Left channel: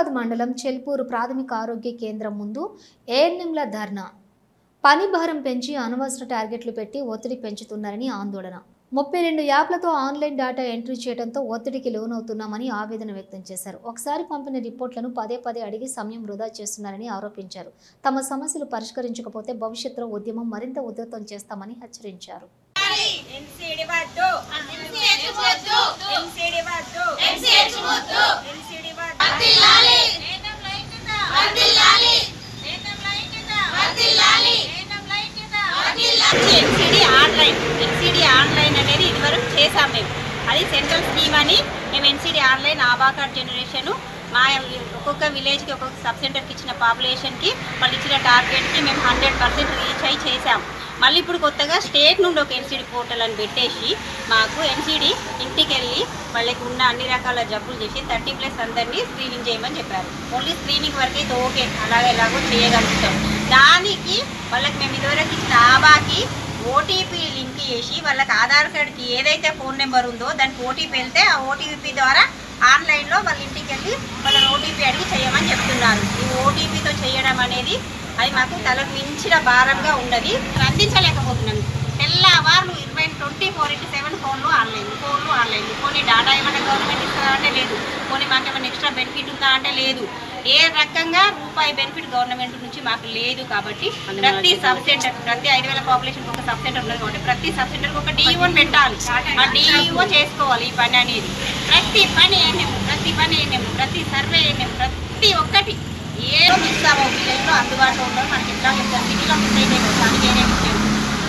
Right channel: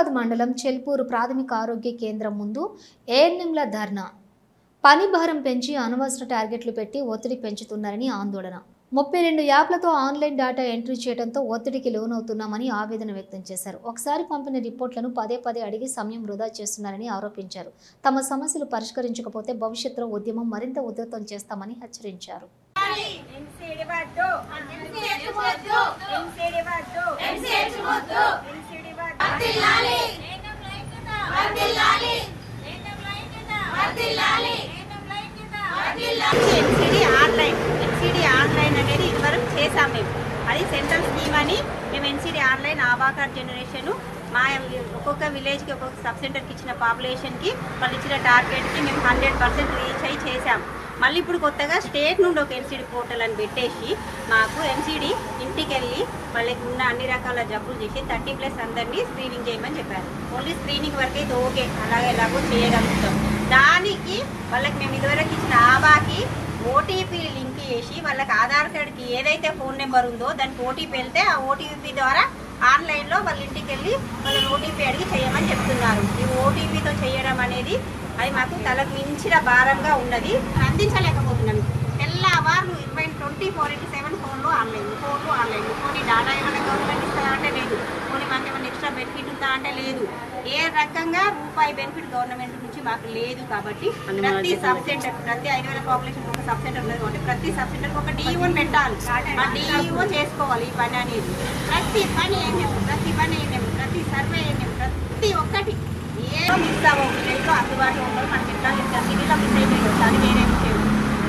హుస్నాబాద్ మండలం చెల్పూరు ప్రాథమిక ఆరోగ్య కేంద్రం ముందు ఏఎన్ఎంల ధర్నా. పని భారం పెంచి అనవసర టార్గెట్లు పెట్టి ఒత్తిడి పెంచుతున్నారని ఆందోళన. 32 యాప్లతో ఆన్లైన్ డేటా ఎంట్రీ చేయడంతో ఒత్తిడికి లోనవుతున్నామని ఆవేదన వ్యక్తం చేశారు. ఒకసారి పంపిన రిపోర్టులను పదే పదే అడిగి సమయం వృధా చేస్తున్నారని ఆరోపించారు. తమ సమస్యలు పరిష్కరించకపోతే భవిష్యత్తులో ఉద్యమం మరింత ఉధృతం చేస్తామని హెచ్చరించారు. ఎన్సీడీ ఆన్లైన్ అనేది ఇదివరకు చేసాం మేము. అది సెంట్రల్ స్కీమ్ అని మేము NCD online Aadhaar card generation మా ఒక్కొక్క విలేజ్కి ఒక్కొక్క సబ్ సెంటర్కి ఇచ్చిన పాపులేషన్కి వాళ్ళు ఇచ్చిన టార్గెట్కి మేము 100% రీచ్ అయ్యి చేసాం. మళ్ళీ ఇప్పుడు కొత్తగా స్టేట్ నుండి ఒక ఎన్సీడీ పోర్టల్ అని పెట్టేసి మాకు ఎన్సీడీ ఇంటికి వెళ్ళి వాళ్ళకి ఉన్న అన్ని రకాల జబ్బులు చేసి 30+ అందరినీ స్క్రీనింగ్ చేయమని చెప్పారు. ఓన్లీ స్క్రీనింగ్ వరకు అయితే ఓకే, ఎలాగో చేయగలుగుతాం. దానికి వాళ్ళకి మేము ఇదివరకు ఇచ్చిన ఆబాకి ఓటీపీ లింక్ చేసి వాళ్ళకి ఆధార్ కార్డ్కి ఏదైతే ఫోన్ నెంబర్ ఉందో దానికి ఓటీపీ వెళ్తే ఆ ఓటీపీ ద్వారా ఆన్లైన్లో వాళ్ళ ఇంటికి వెళ్ళి వాళ్ళని ఓటీపీ అడిగి చేయమని చెప్తున్నారు. ఈ ఓటీపీతో చేయడం అనేది అది మాకు తలకు మించిన భారంగా ఉన్నది, అందించలేకపోతున్నాం. తెల్లవారు 24/7 ఫోన్లు ఆన్లైన్. పోనీ డేటా ఏమైనా గవర్నమెంట్ ఇస్తారా అంటే లేదు. పోనీ మాకు ఏమైనా ఎక్స్ట్రా బెనిఫిట్ ఉందా అంటే లేదు. ఏ రకంగా రూపాయి బెనిఫిట్ గవర్నమెంట్ నుంచి మాకు లేదు. కాబట్టి ప్రతి సబ్ సెంటర్, ప్రతి 5,000 పాపులేషన్ ఒక సబ్ సెంటర్ ఉన్నది కాబట్టి ప్రతి సబ్ సెంటర్కి ఒక డిఈఓని పెట్టాలి. ఆ డిఈఓ చేసుకోవాలి ఈ పని అనేది. ప్రతి పని ప్రతి సర్వే ప్రతి ఒక్కటి ఏ మిస్ అవ్వవు. విలేజ్లో అందుబాటులో ఉండవు. మనకి ఎట్లా చెప్తారు, సిటీలో మిస్ అయితే దానికి వేరే విషయం.